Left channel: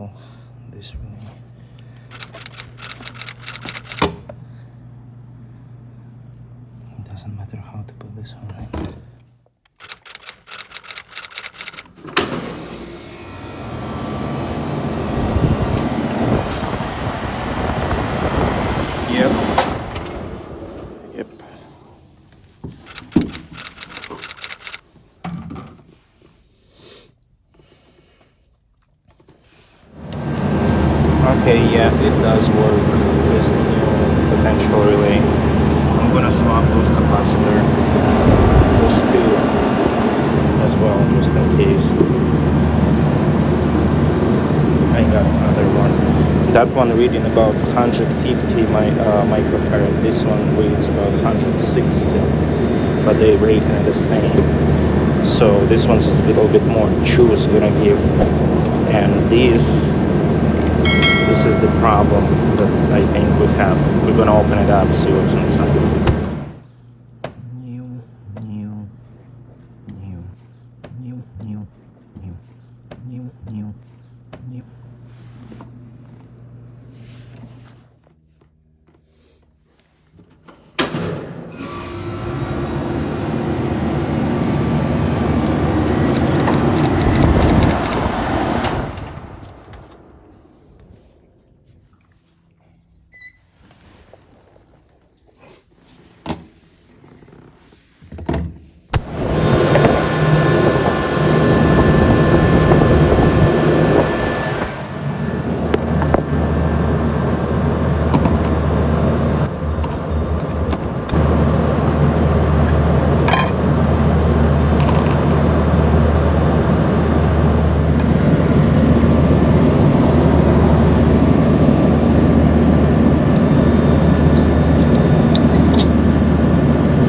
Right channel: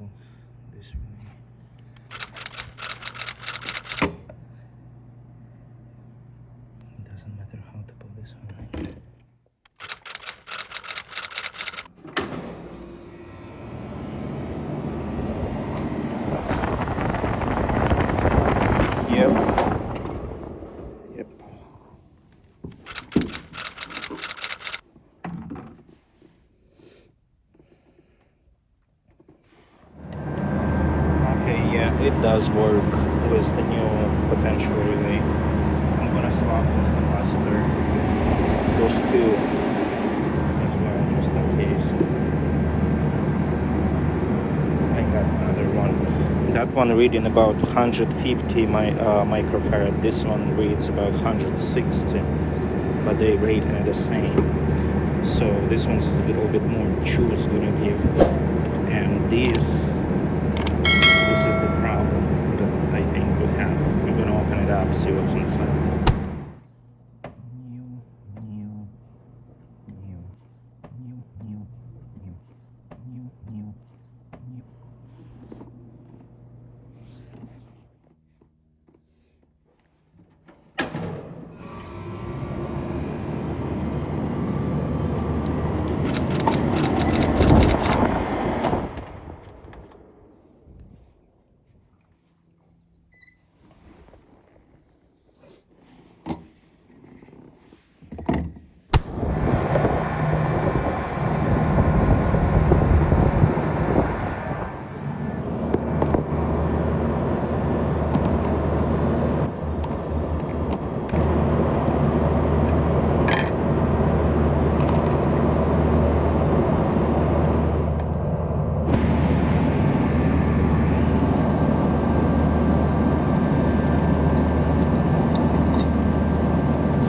pull this relay. It doesn't matter how to put this one in. Yep. Okay, yeah, it does work with the new potential relay. I'm gonna swap those capacitor, those two as well, just in case. I got another one. That one reading about 150 microfarad. This one reads about 160, but they rate the same. So this one's a little bit more juice gonna give, and this is the problem that I think we have. We're gonna open it up, see what's inside.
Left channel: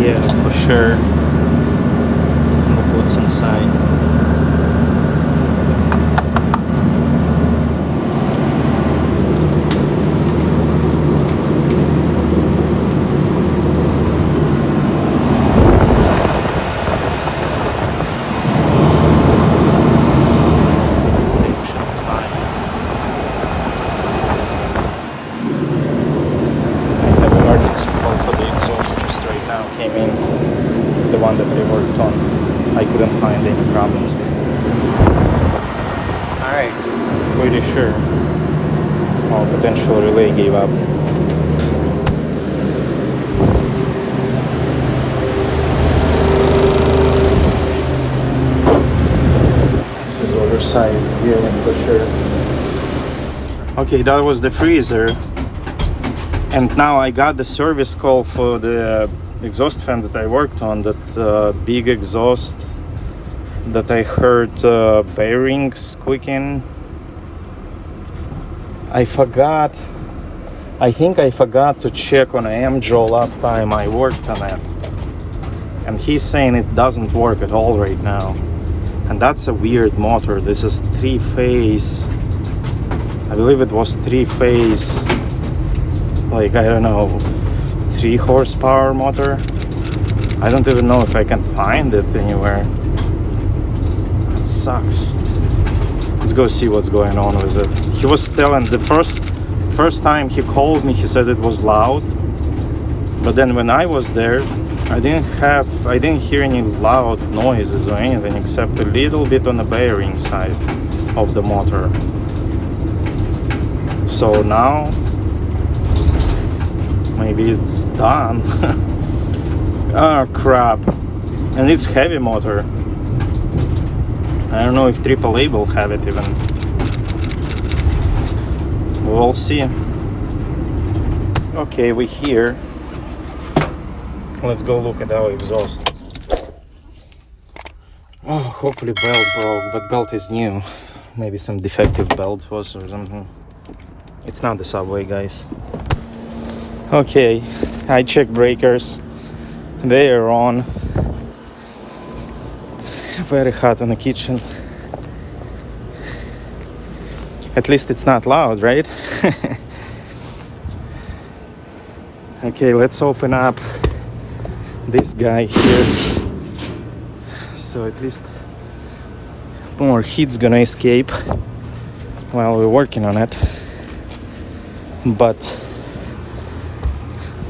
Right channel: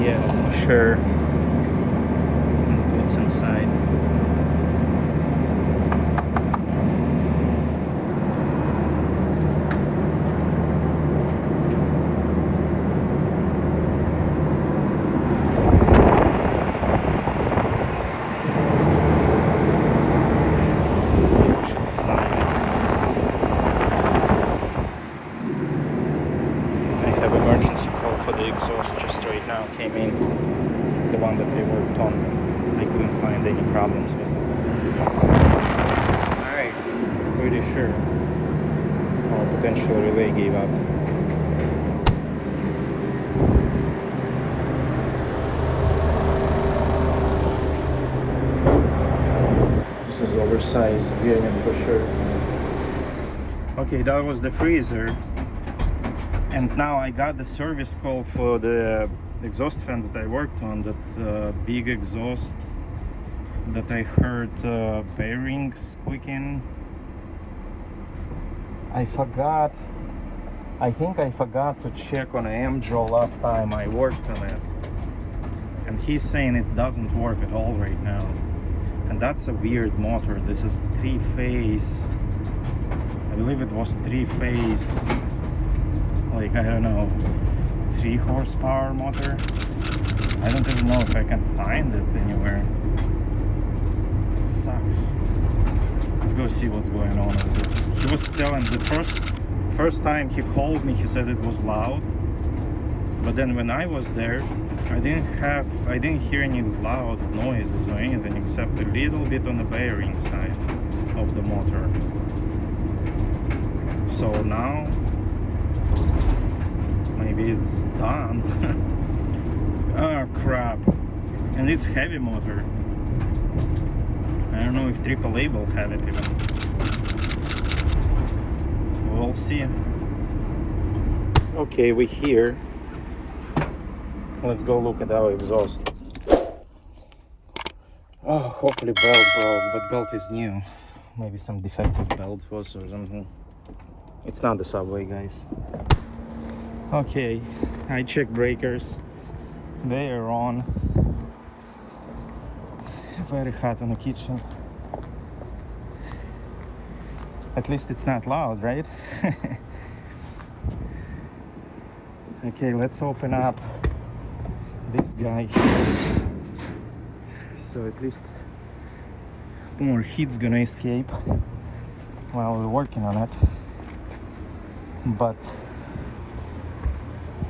Yeah, for sure. Look what's inside. Okay, we should be fine. I have emergency call for the exhaust just right now. Came in, the one that I worked on. I couldn't find any problems with it. Alright, pretty sure our potential relay gave up. This is oversized unit for sure. Okay, that was the freezer. And now I got the service call for the exhaust fan that I worked on, that big exhaust that I heard bearings squeaking. I think I forgot to check on AMJO last time I worked on it. And he's saying it doesn't work at all right now. And that's a weird motor. This is 3-phase, I believe it was 3-phase, like, I don't know, 3 horsepower motor. I don't even know if I can find it anywhere. It sucks. Let's go see what's going on with it. He was telling the first time he called me, he said it was loud. But then when I was there, I didn't hear any loud noises or anything except a little bit on the bearing side of the motor. So now maybe it's done. Oh crap. And it's heavy motor. I don't know if AAA will have it even. We'll see. Okay, we're here. Let's go look at our exhaust. Oh, hopefully belt broke, but belt is new. Maybe some defective belt was or something. It's not the Subway, guys. Okay, I checked breakers. They are on. Very hot in the kitchen. At least it's not loud, right? Okay, let's open up this guy here. So at least more heat's gonna escape. while we're working on it, but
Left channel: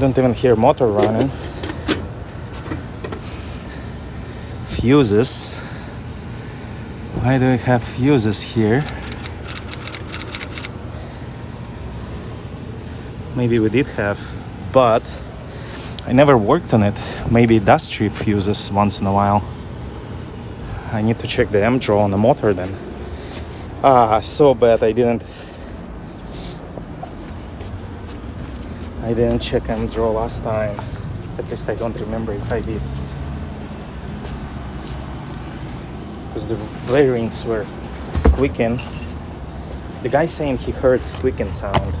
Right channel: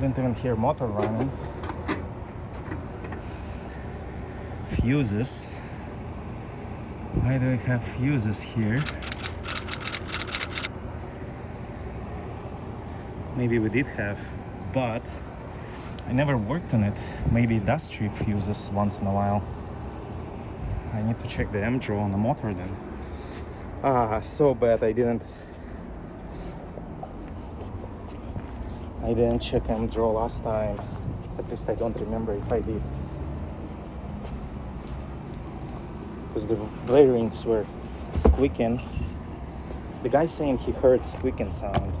don't even hear motor running. Fuses. Why do we have fuses here? Maybe we did have, but I never worked on it. Maybe it does trip fuses once in a while. I need to check the M-draw on the motor then. So bad I didn't check M-draw last time. At least I don't remember if I did. Because the bearings were squeaking. The guy saying he heard squeaking sound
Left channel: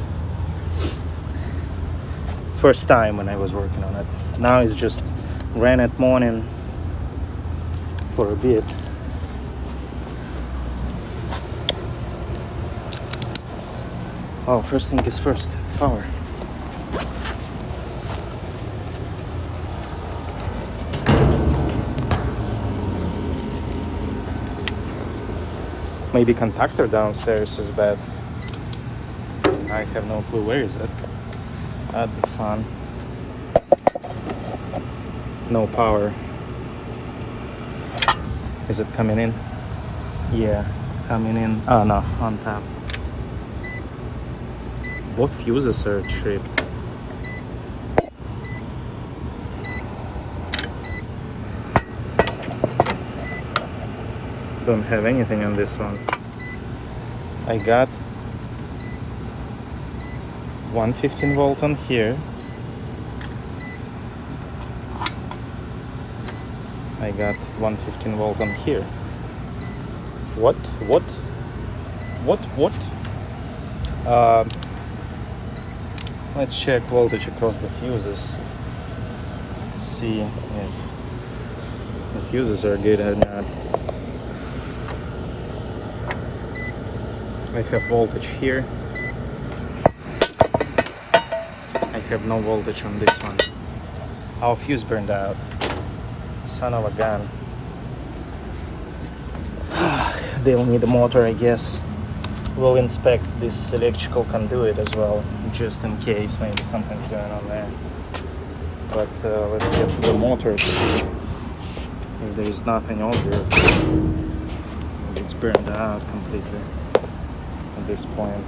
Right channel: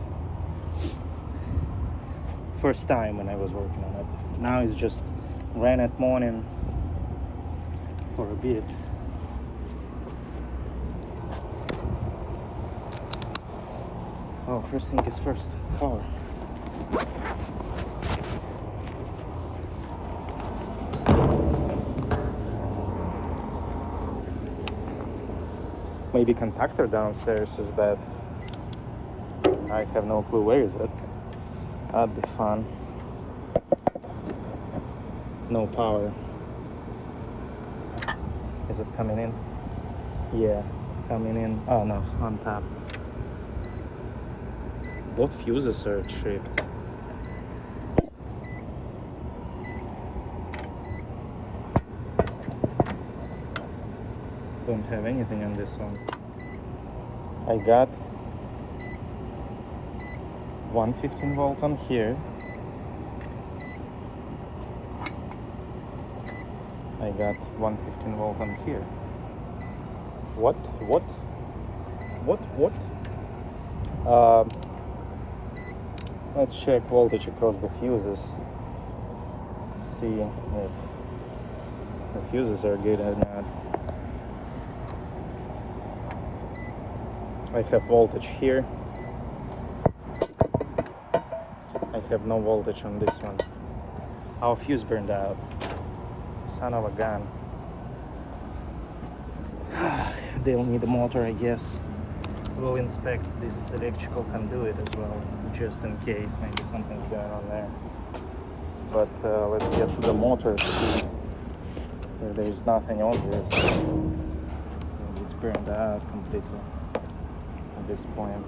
first time when I was working on it. Now it's just ran at morning for a bit. Oh, first thing is first, power. Maybe contactor downstairs is bad. I have no clue. Where is it? That'd be fun. No power. Is it coming in? Yeah, coming in. Oh no, on top. Both fuses are tripped. Don't have anything on this one. I got 115 volt on here. I got 115 volt on here. What? Let's check voltage across the fuses. See if the fuses are good or not. I have voltage here. I have no voltage on this one. Our fuse burned out. Son of a gun. They'll need a motor, I guess. We'll inspect this electrical conduit as well, just in case maybe something's going on there. But let's get to the motor to see if there's nothing obvious. It's burned out completely at this point.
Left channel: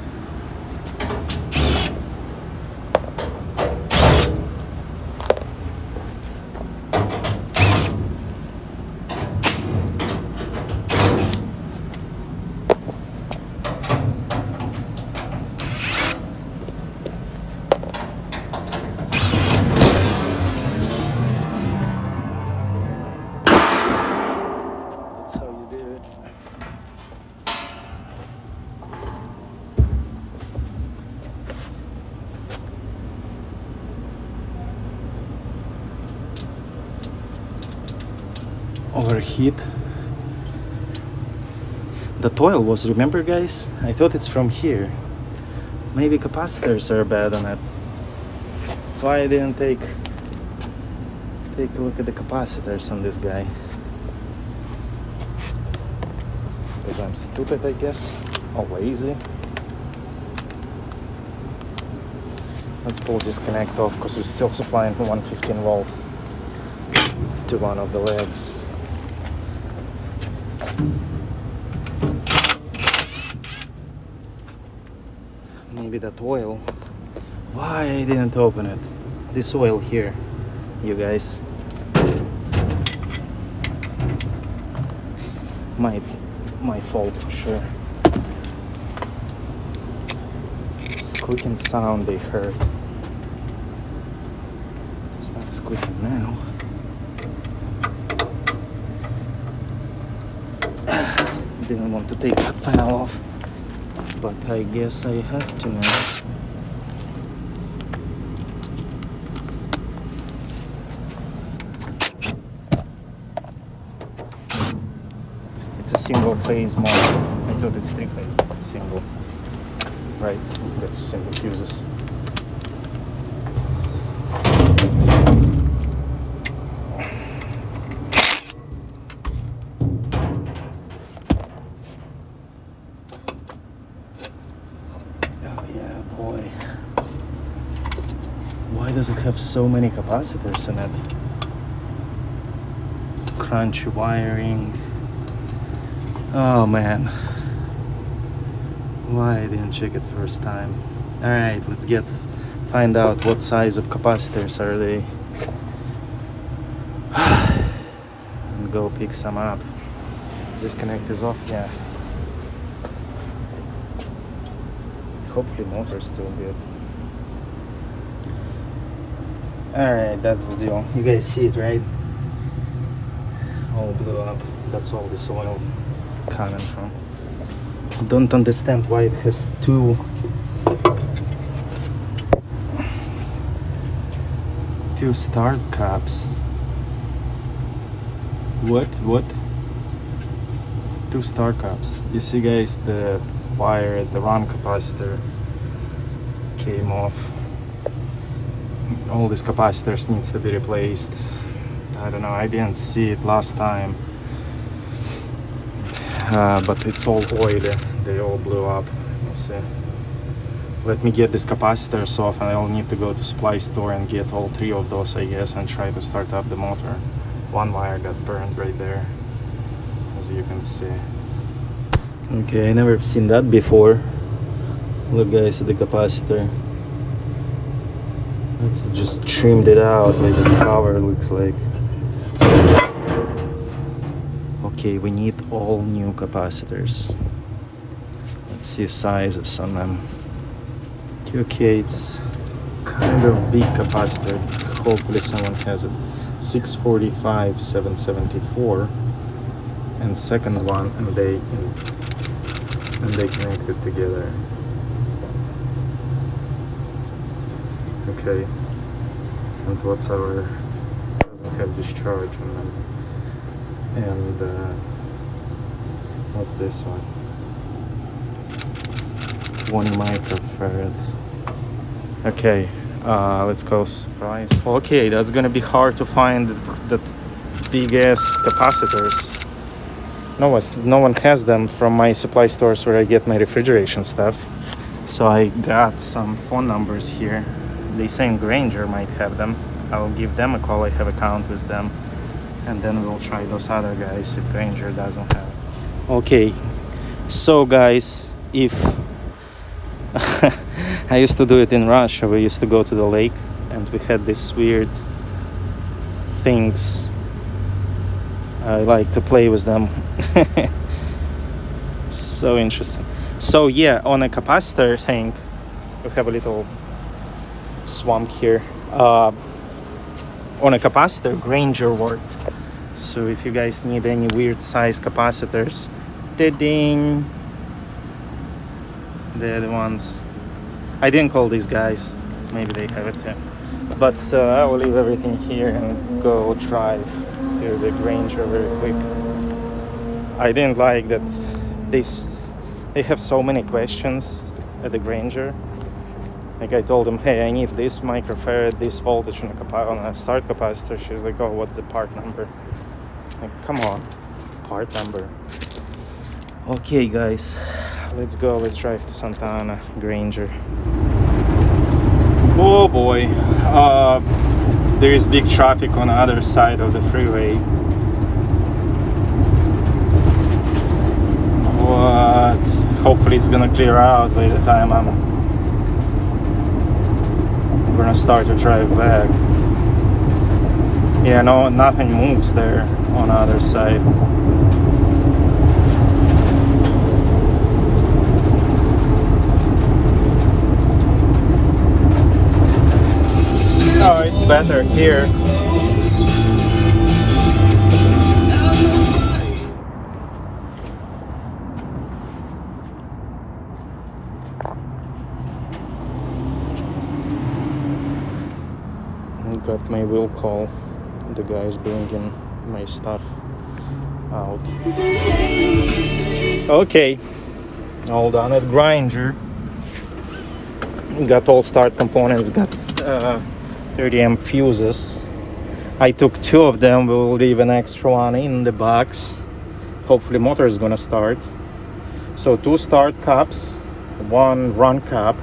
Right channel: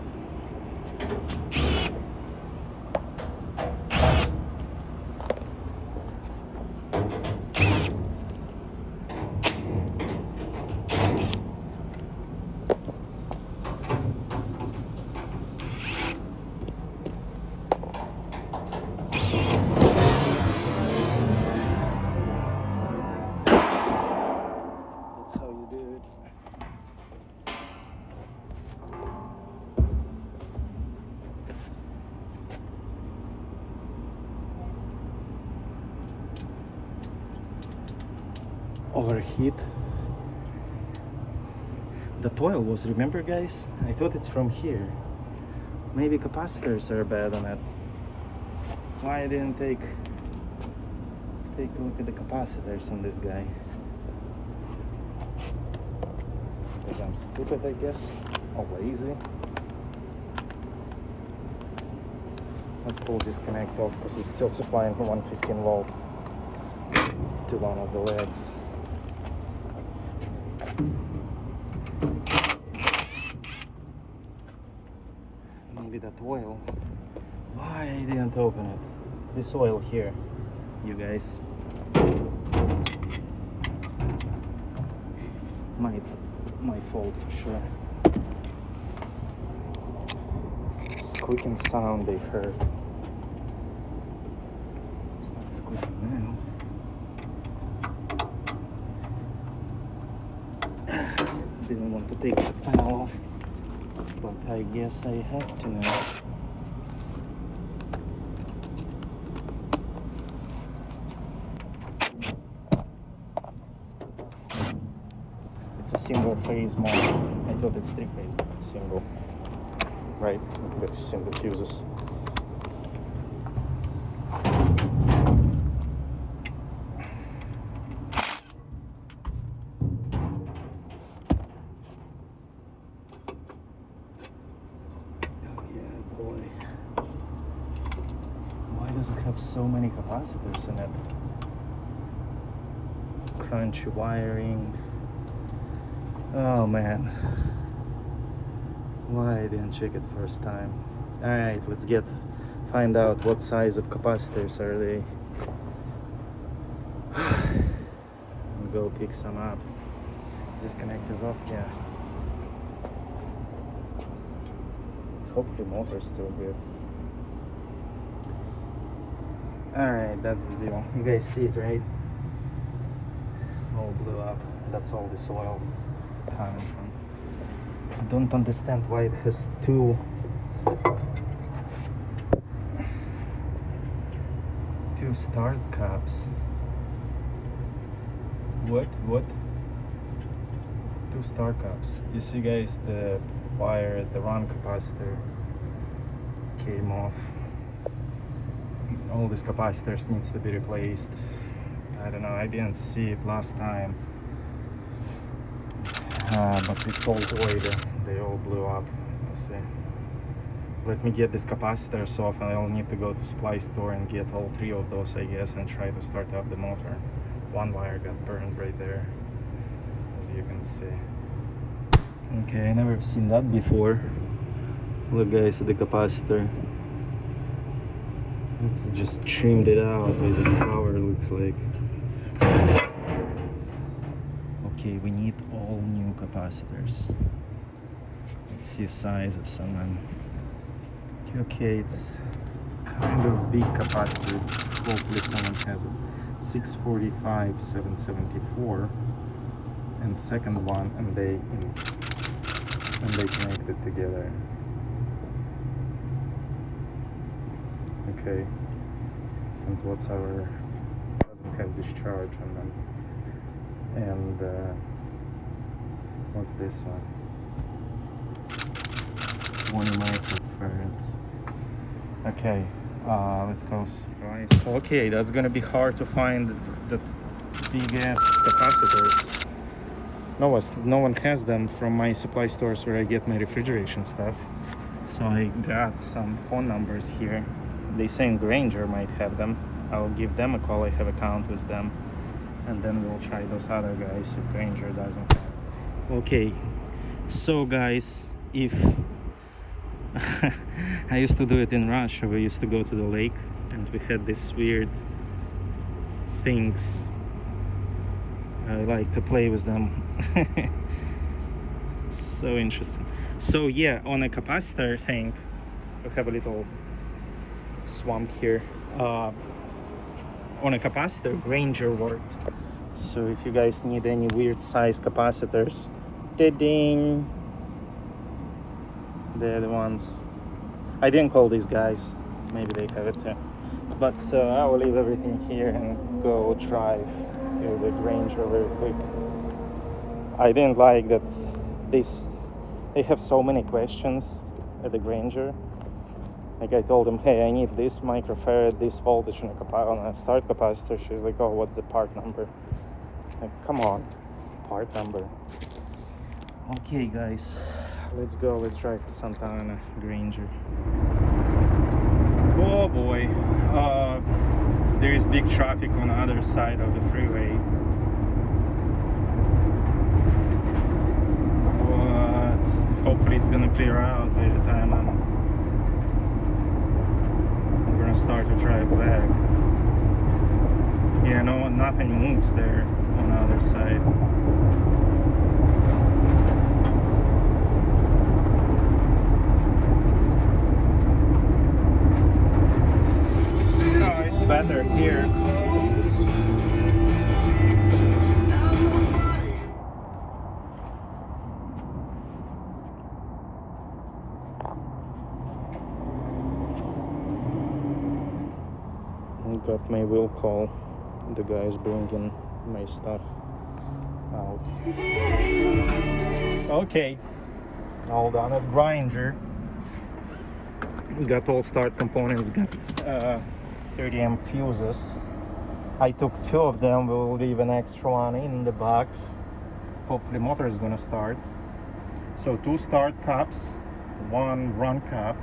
That's how you do it. Overheat. The oil was, remember guys? I thought it's from here. Maybe capacitors are bad on it. Why I didn't take a look at the capacitors on this guy? Because I'm stupid, I guess, or lazy. Let's pull this connect off because we're still supplying 115 volt to one of the legs. Maybe that oil. Why I didn't open it? This oil here, you guys. My fault for sure. Squeaking sound they heard. It's not squeaking now. Didn't want to take the panel off, but I guess I have to now. It's a single phase motor. I thought it's three phase, but single. Right, that's single fuses. boy. Why does it have so many capacitors in it? Crunchy wiring. Oh man. Why I didn't check it first time? Alright, let's find out what size of capacitors are they. And go pick some up. Disconnect is off, yeah. Hopefully motor's still good. Alright, that's the deal. You guys see it, right? All blew up. That's all this oil coming from. Don't understand why it has two start caps. What? Two start caps. You see, guys, the wire, the run capacitor came off. All these capacitors needs to be replaced. I don't know, I didn't see it last time, but it's all oily. They all blew up. You see. Let me get these capacitors off, and I'll need to go to supply store and get all three of those, I guess, and try to start up the motor. One wire got burned right there, as you can see. Okay, I never seen that before. Look, guys, at the capacitor. Let's just trimmed it out like the cover looks like. Okay, we need all new capacitors. Let's see sizes on them. Okay, it's kind of big capacitor. Hopefully someone has it. 645, 774, and second one, and they connect it together. Okay, and what's our, doesn't have discharge on them. And what's this one? 1 microfarad. Okay, let's go price. Okay, that's gonna be hard to find the big-ass capacitors. No one has them from my supply stores where I get my refrigeration stuff. So I got some phone numbers here. They say Grainger might have them. I'll give them a call. I have an account with them, and then we'll try those other guys if Grainger doesn't have it. Okay, so guys, if I used to do it in Russia, we used to go to the lake and we had these weird things. I like to play with them. So interesting. So yeah, on a capacitor thing, we have a little swamp here. On a capacitor, Grainger worked. So if you guys need any weird size capacitors, ding, they're the ones. I didn't call these guys. Maybe they have it too. But I will leave everything here and go drive to the Grainger very quick. I didn't like that they have so many questions at the Grainger. Like I told them, hey, I need this microfarad, this voltage on a start capacitor. She's like, oh, what's the part number? Like, come on, part number. Okay, guys, let's go. Let's drive to Santa Ana, Grainger. Oh boy, there is big traffic on the other side of the freeway. But hopefully it's gonna clear out by the time I'm gonna start to drive back. Yeah, no, nothing moves there on the other side. Oh, it's better here. Got my will call. The guy's bringing my stuff out. Okay, all done at Grainger. Got all start components. Got 30 amp fuses. I took 2 of them. We'll leave an extra one in the box. Hopefully motor is gonna start. So 2 start caps, 1 run cap,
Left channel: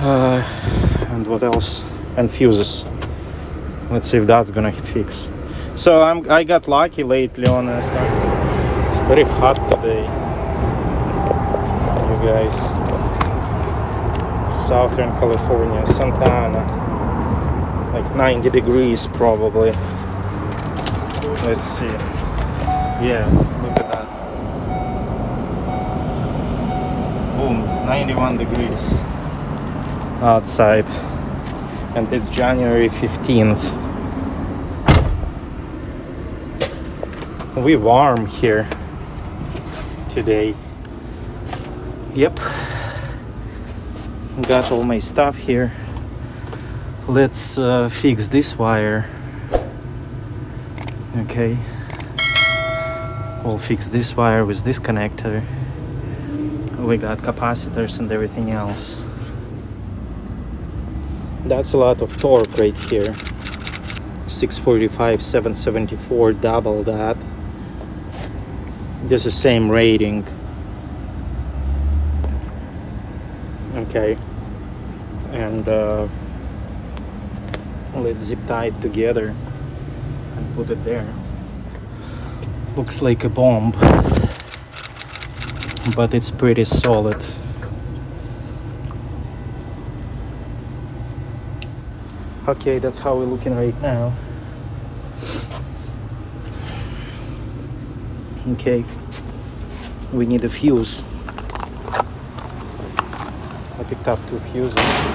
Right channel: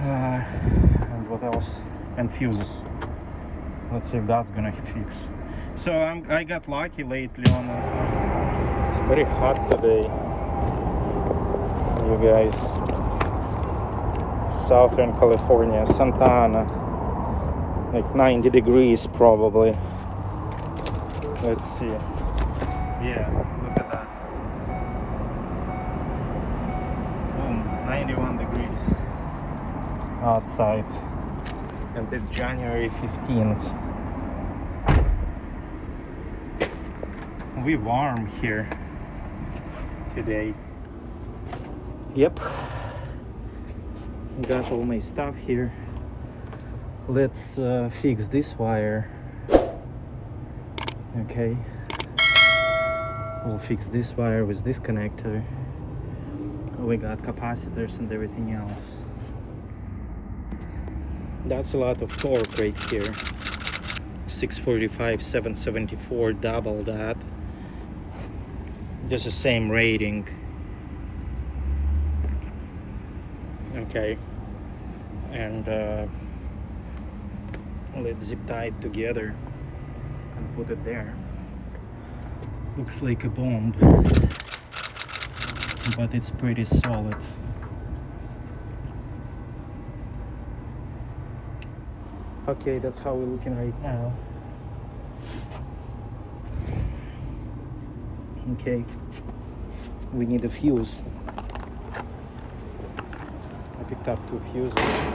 And what else? And fuses. Let's see if that's gonna fix. So I got lucky lately, honest. It's very hot today, you guys. Southern California, Santa Ana, like 90 degrees probably. Let's see. Yeah, look at that. Boom, 91 degrees outside, and it's January 15th. We warm here today. Yep, got all my stuff here. Let's fix this wire. Okay, we'll fix this wire with this connector. We got capacitors and everything else. That's a lot of torque right here. 645, 774, double that. This is same rating. Okay, and let's zip tie it together and put it there. Looks like a bomb, but it's pretty solid. Okay, that's how we're looking right now. Okay, we need a fuse. I picked up 2 fuses.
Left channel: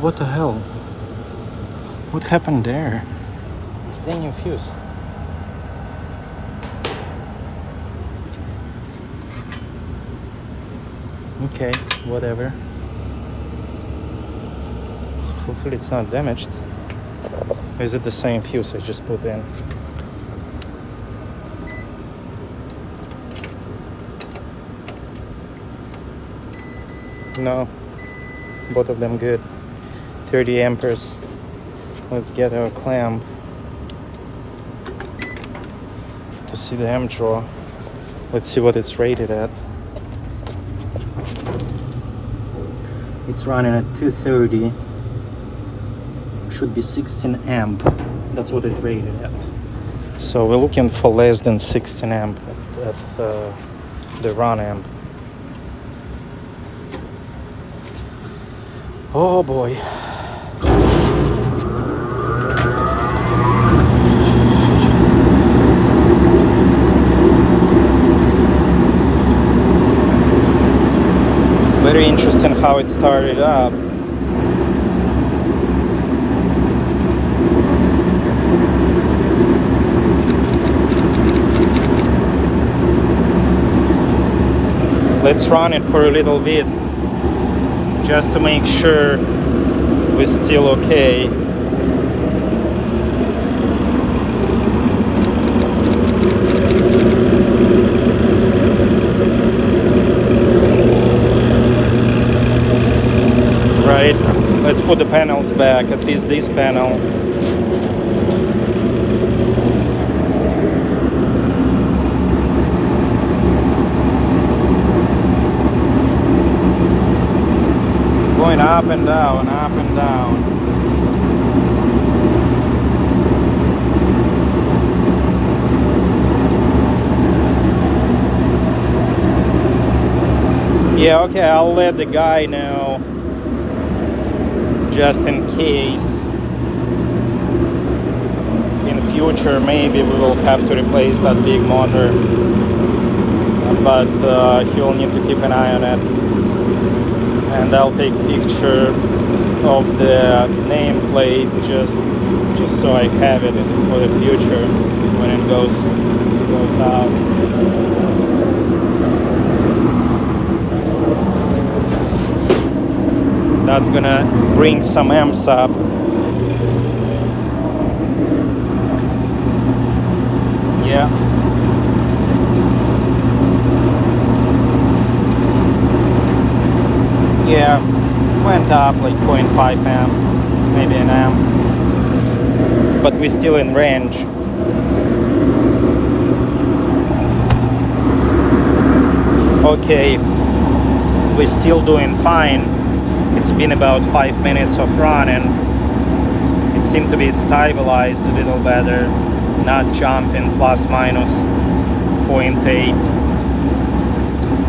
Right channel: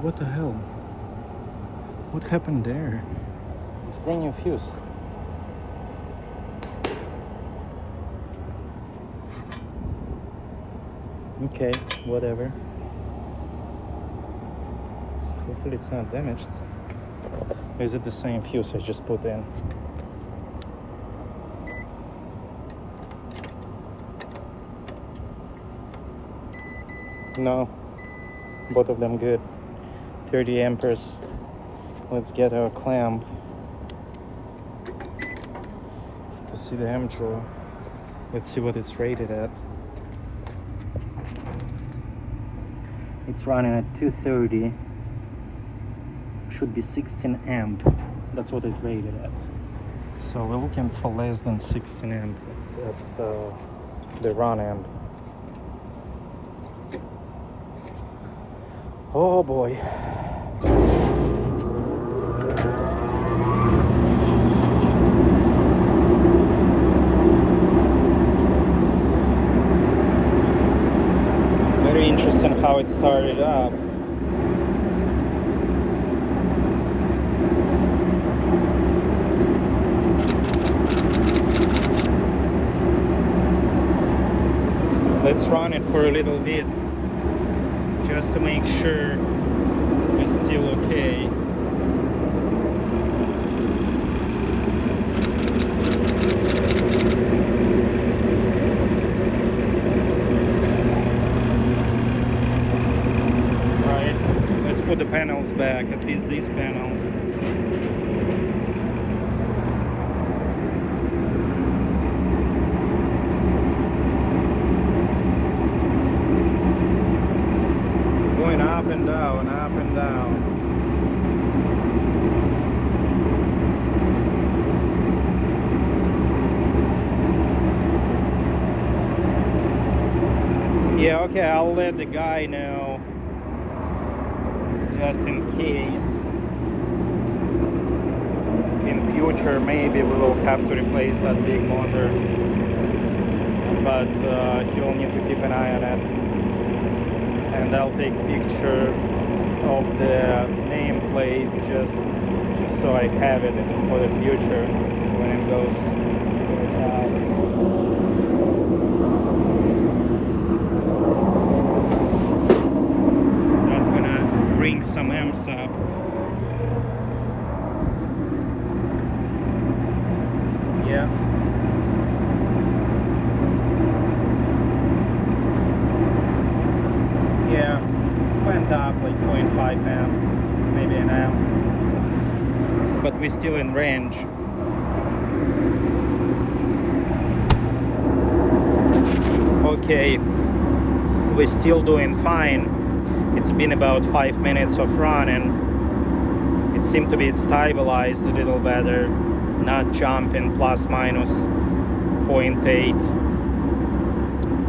What the hell? What happened there? It's playing a fuse. Okay, whatever. Hopefully it's not damaged. Or is it the same fuse I just put in? No, both of them good. 30 amperes. Let's get our clamp to see the amp draw. Let's see what it's rated at. It's running at 230. Should be 16 amp. That's what it rated at. So we're looking for less than 16 amp at the run amp. Oh boy. Very interesting how it started up. Let's run it for a little bit, just to make sure we're still okay. Right, let's put the panels back, at least this panel. Going up and down, up and down. Yeah, okay, I'll let the guy know, just in case. In the future, maybe we will have to replace that big motor, but he'll need to keep an eye on it. And I'll take picture of the nameplate just so I have it for the future when it goes out. That's gonna bring some amps up. Yeah. Yeah, went up like 0.5 amp, maybe an amp. But we're still in range. Okay, we're still doing fine. It's been about 5 minutes of run and it seemed to be stabilized a little better, not jumping plus minus 0.8.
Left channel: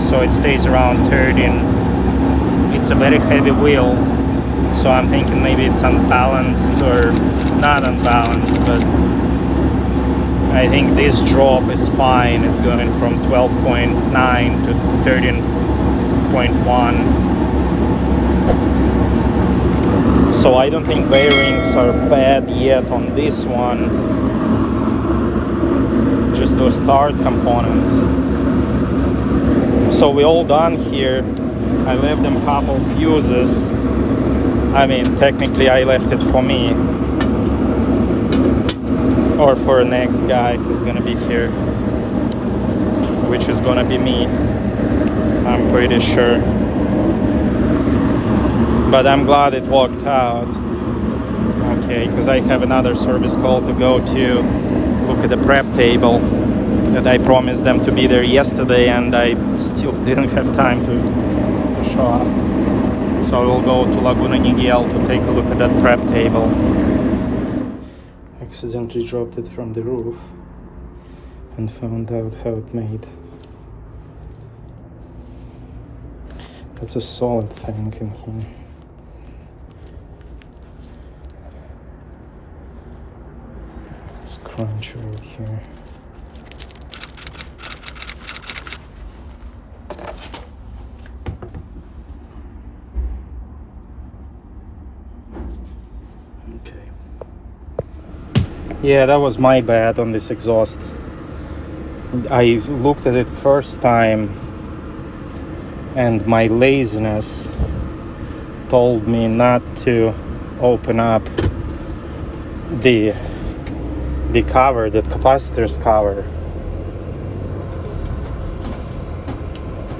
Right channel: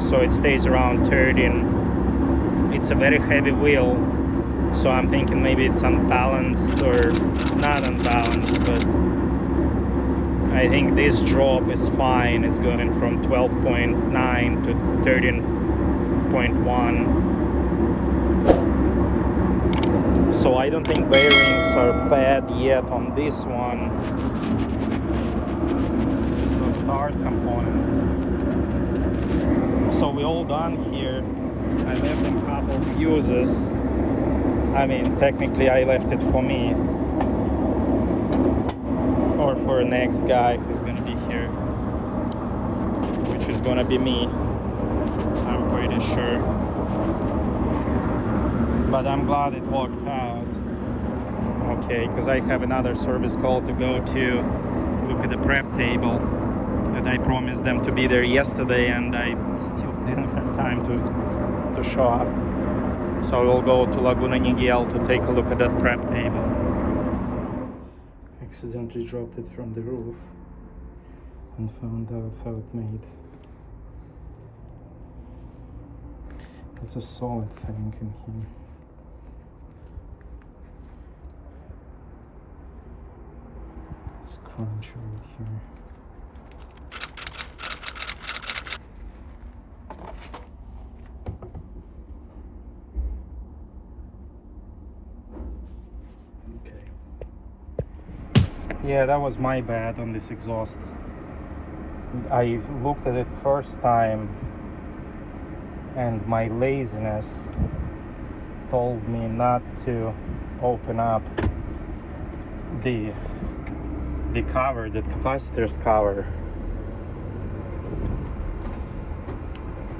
So it stays around 13. It's a very heavy wheel, so I'm thinking maybe it's unbalanced or not unbalanced, but I think this drop is fine. It's going from 12.9 to 13.1. So I don't think bearings are bad yet on this one. Just those start components. So we're all done here. I left them a couple fuses. I mean, technically I left it for me. Or for the next guy who's gonna be here. Which is gonna be me. I'm pretty sure. But I'm glad it worked out. Okay, because I have another service call to go to look at the prep table that I promised them to be there yesterday and I still didn't have time to show up. So I will go to Laguna Niguel to take a look at that prep table. Accidentally dropped it from the roof and found out how it made. That's a solid thing in here. It's crunch right here. Okay. Yeah, that was my bad on this exhaust. I looked at it first time and my laziness told me not to open up the cover, the capacitor's cover.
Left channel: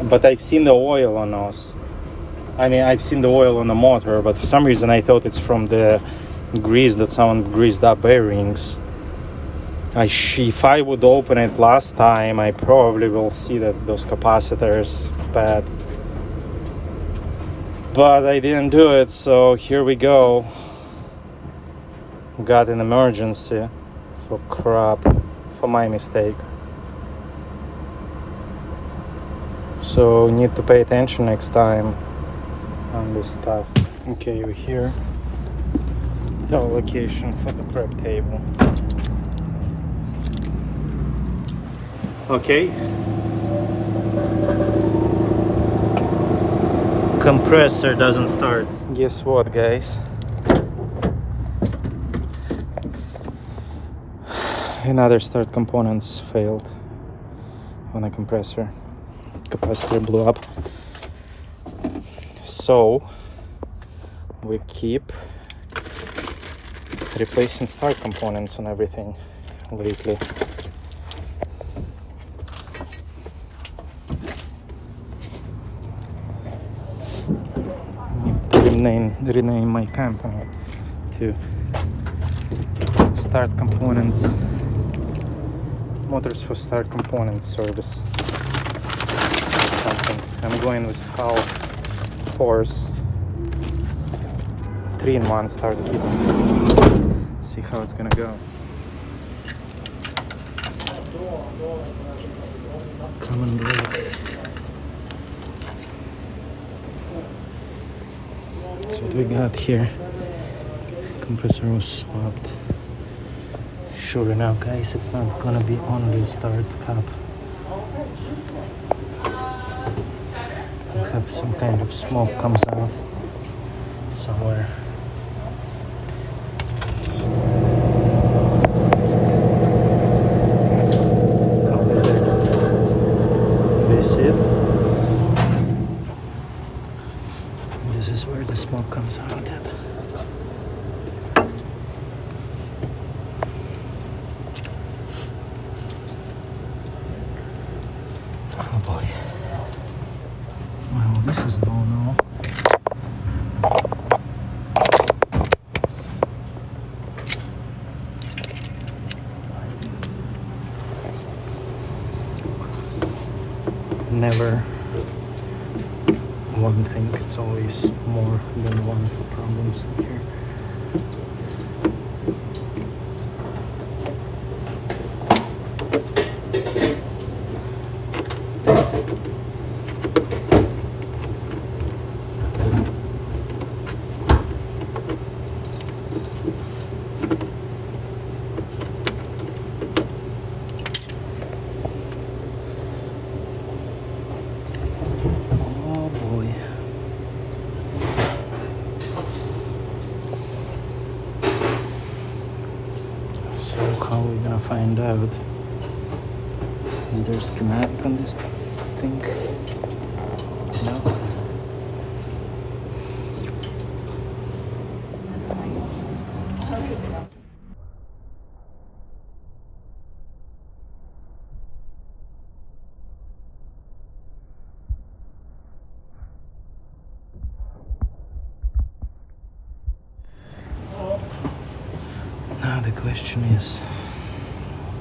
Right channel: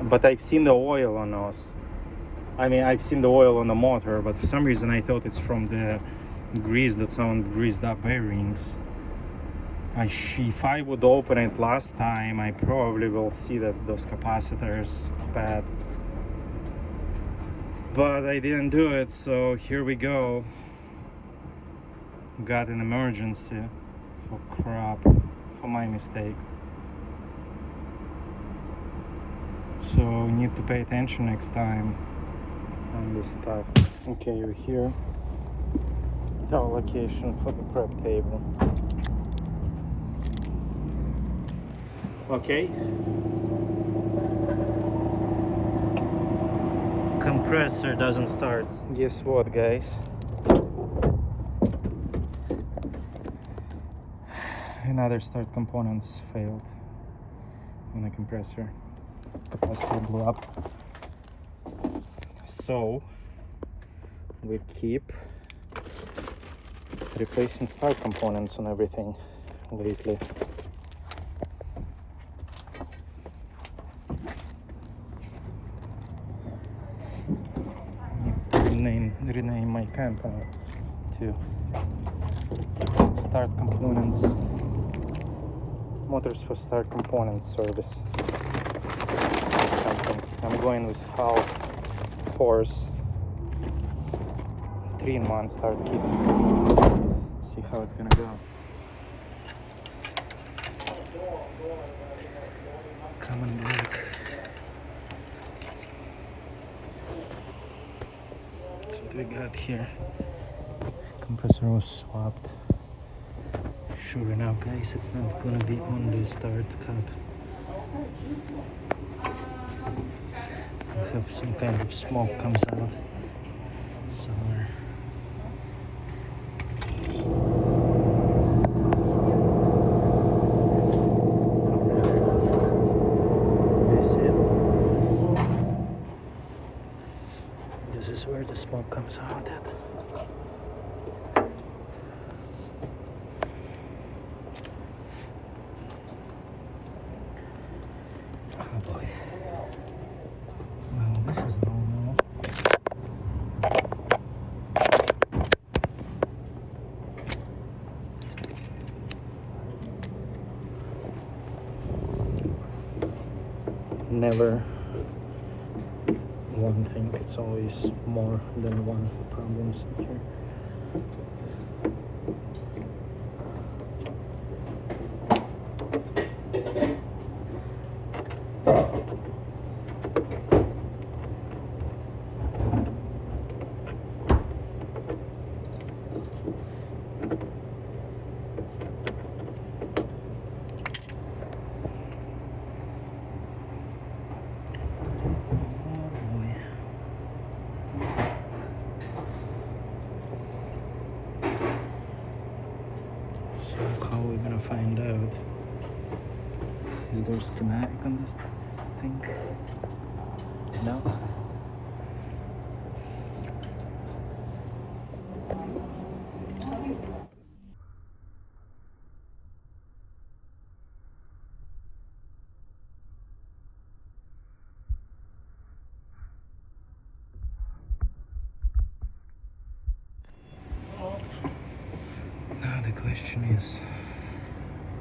But I've seen the oil on those. I mean, I've seen the oil on the motor, but for some reason I thought it's from the grease that someone greased up bearings. If I would open it last time, I probably will see that those capacitors bad. But I didn't do it, so here we go. Got an emergency for crap, for my mistake. So need to pay attention next time on this stuff. Okay, we're here. The location for the prep table. Okay. Compressor doesn't start. Guess what, guys? Another start components failed on a compressor. Capacitor blew up. So we keep replacing start components on everything lately. Rename my company to Start Components, Motors for Start Components Service. Something. I'm going with half horse 3-in-1 start kit. Let's see how it's gonna go. Common brake. That's what we got here. Compressor was swapped. Sure enough, guys, it's not gonna be on the start cap. We have some kind of smoke comes out somewhere. This this is where the smoke comes out at. Oh boy. Well, this is no no. Never one thing, it's always more than one problems in here. How are we gonna find out? Is there a schematic on this thing? No? Now the question is,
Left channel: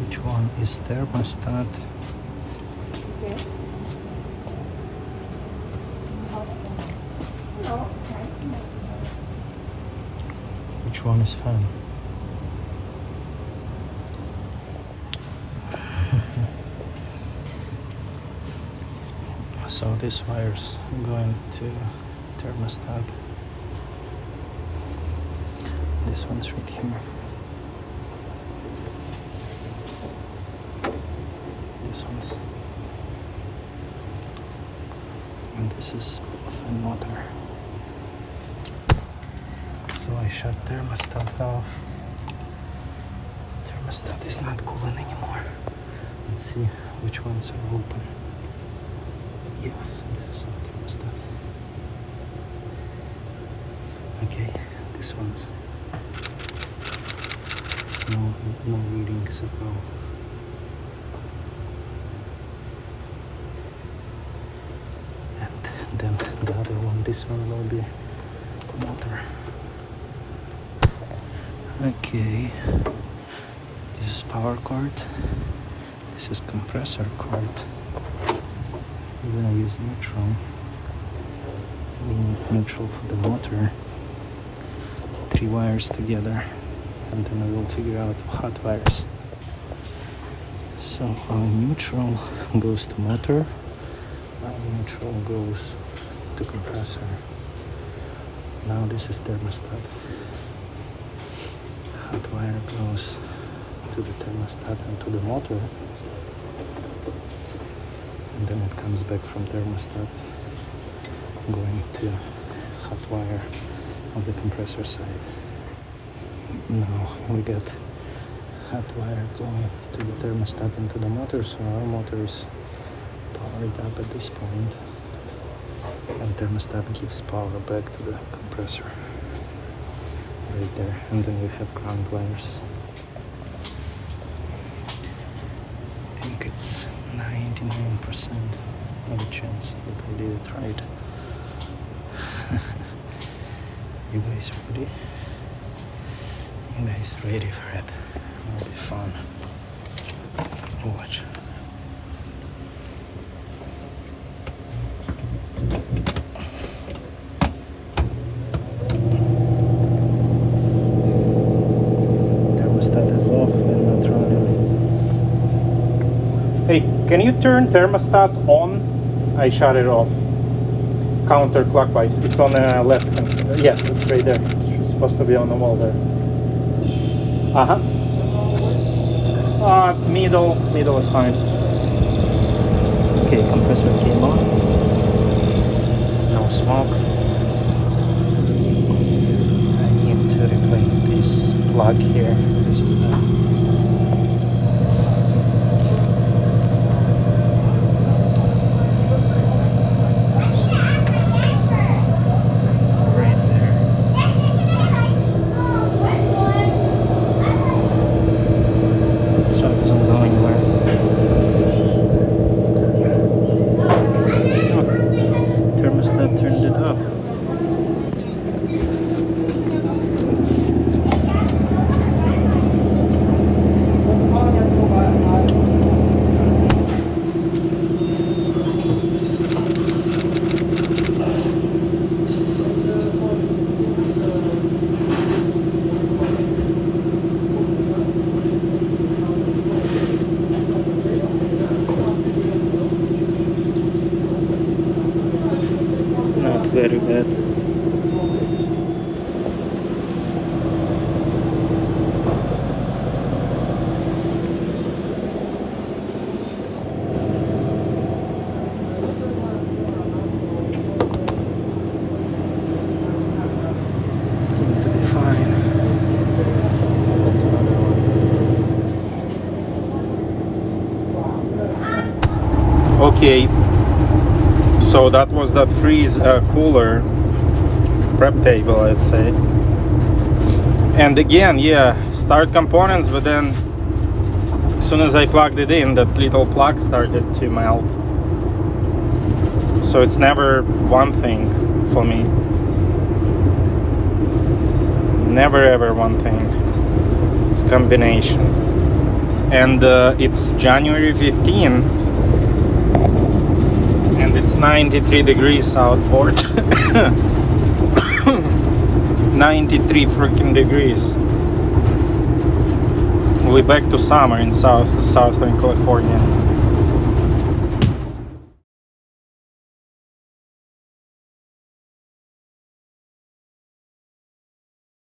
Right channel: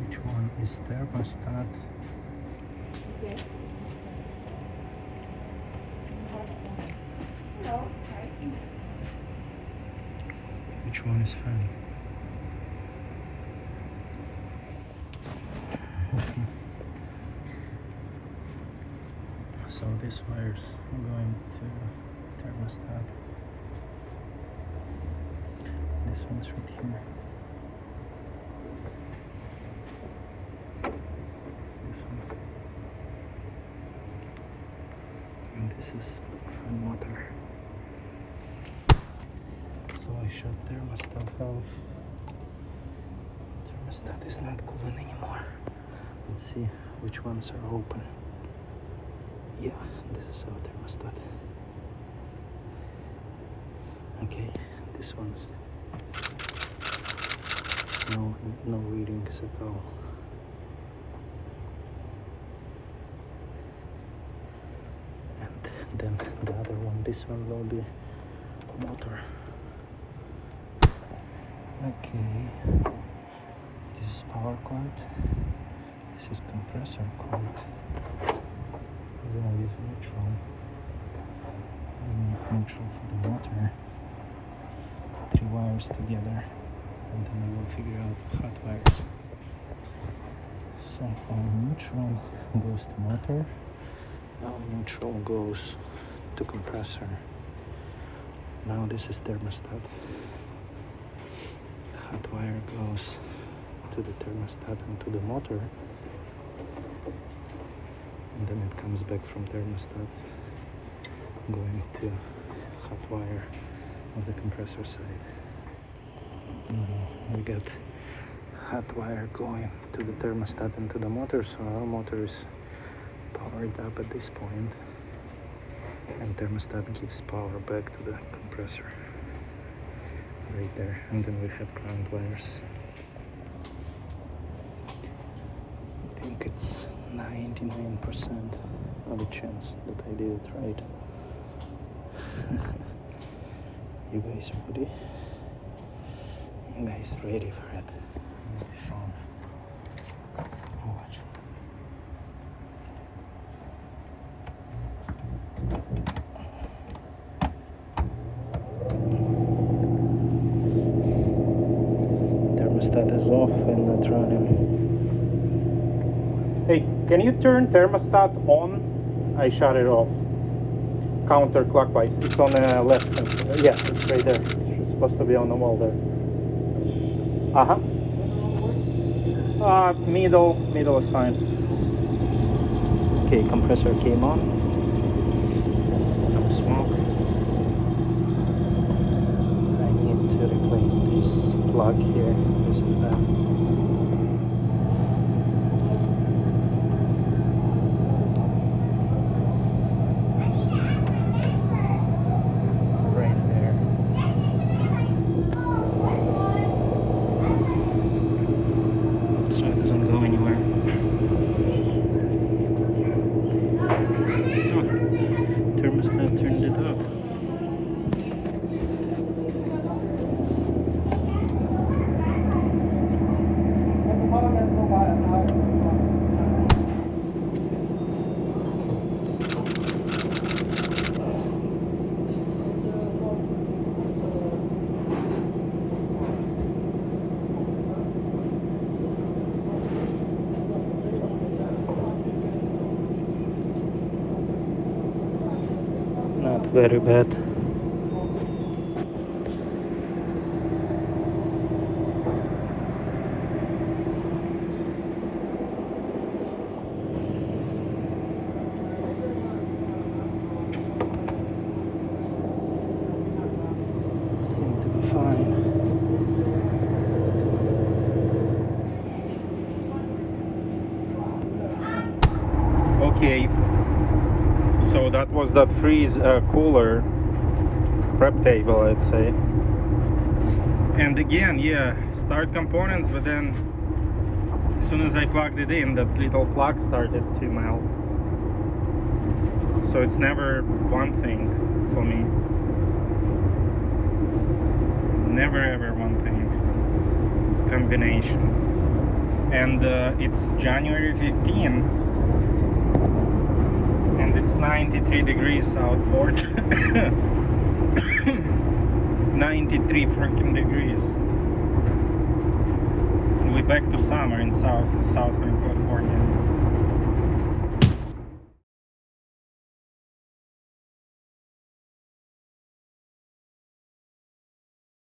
which one is thermostat? Okay. Hello. Hi. Which one is fan? So this wire's going to thermostat. This one's right here. This one's. And this is fan motor. So I shut thermostat off. Thermostat is not cooling anymore. Let's see which ones are open. Yeah, this is our thermostat. Okay, this one's no readings at all. And then the other one, this one will be motor. Okay, this is power cord. This is compressor cord. We're gonna use neutral. We need neutral for the motor. 3 wires together, and then we will figure out hot wires. So our neutral goes to motor. Our neutral goes to compressor. Now this is thermostat. Hot wire goes to the thermostat and to the motor. And then it comes back from thermostat going to hot wire of the compressor side. Now we get hot wire going to the thermostat and to the motor, so our motor is powered up at this point, and thermostat gives power back to the compressor right there, and then we have ground wires. I think it's 99% of a chance that I did it right. You guys ready? You guys ready for it? It'll be fun. Watch. Thermostat is off and not running. Hey, can you turn thermostat on? I shut it off. Counterclockwise. It's on the left hand side. Yeah, it's right there. It's supposed to be on the wall there. Middle is fine. Okay, compressor came on. No smoke. I need to replace this plug here. This is bad. that turned it off. Not very bad. Seem to be fine. That's another one. Okay. So that was that freeze cooler prep table, I'd say. And again, yeah, start components, but then as soon as I plugged it in, that little plug started to melt. So it's never one thing for me. Never ever one thing. It's combination. And it's January 15. And it's 93 degrees southport. 93 freaking degrees. We're back to summer in Southern California.